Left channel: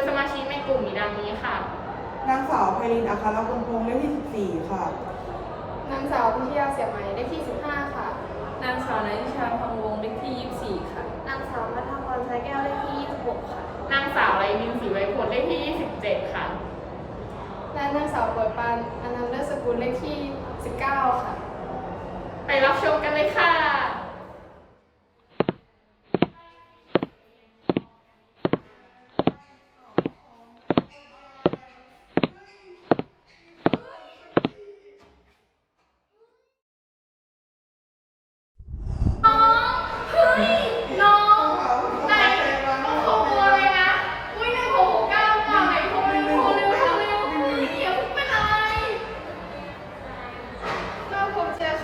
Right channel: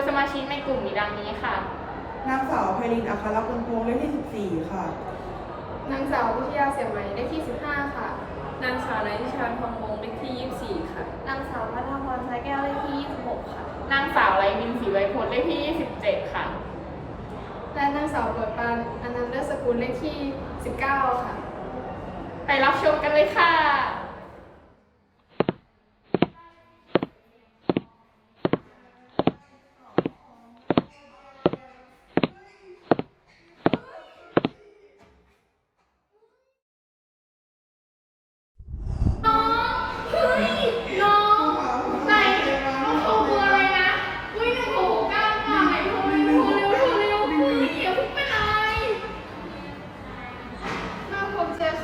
ยสมาชิกในกลุ่มมีดังนี้ค่ะ นางสาวไพรินอัครพลพงษ์เลขที่ 14 ค่ะ นางสาววิทยาเสียไหมเลขที่ 15 ค่ะ นางสาวนันทิชาทองวงศ์เลขที่ 24 ค่ะ นางสาวพัฒพรสายแก้วเลขที่ 26 ค่ะ นางสาวไรมีศรีไวยผลเลขที่ 27 ค่ะ และนางสาวบทปานอนันต์เลิศสกุลเลขที่ 19 ค่ะ ไปรับชมกันเลยค่ะ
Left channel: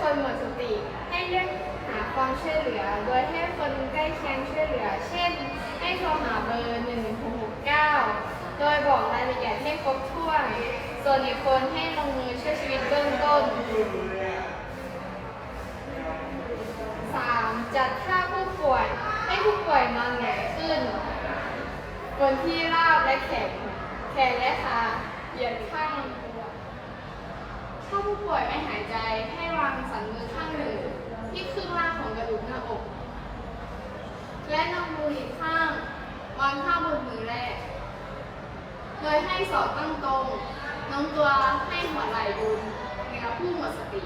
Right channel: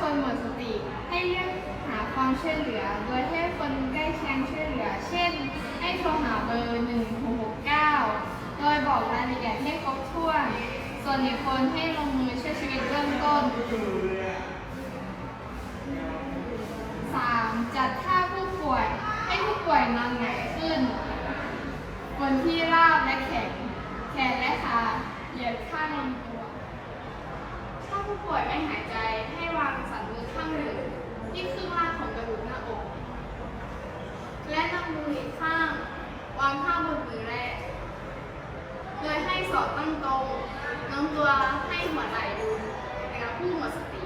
คนหมดสติ ให้เรียกหาความช่วยเหลือ โดยให้คนใกล้เคียงช่วยเหลือ เช่น ให้โทรหาเบอร์1669 โดยบอกรายละเอียดให้ครบถ้วน ส่วนอีกคนให้ลงมือช่วยชีวิตเบื้องต้น 3. จัดท่าผู้ป่วย ให้ผู้ป่วยนอนหงายขึ้นบนที่ราบและแขนแขนและขาเหยียดข้างลำตัวถ้าผู้ป่วยไม่หายใจ ที่ครึ่งล่าของกระดูกหน้าอก และนำมืออีกข้างวางข้างบนมือแรก โดยให้ศอกตั้งตรงน้องตัวให้หัวไหล่ดุนเป็นผู้หมดสติ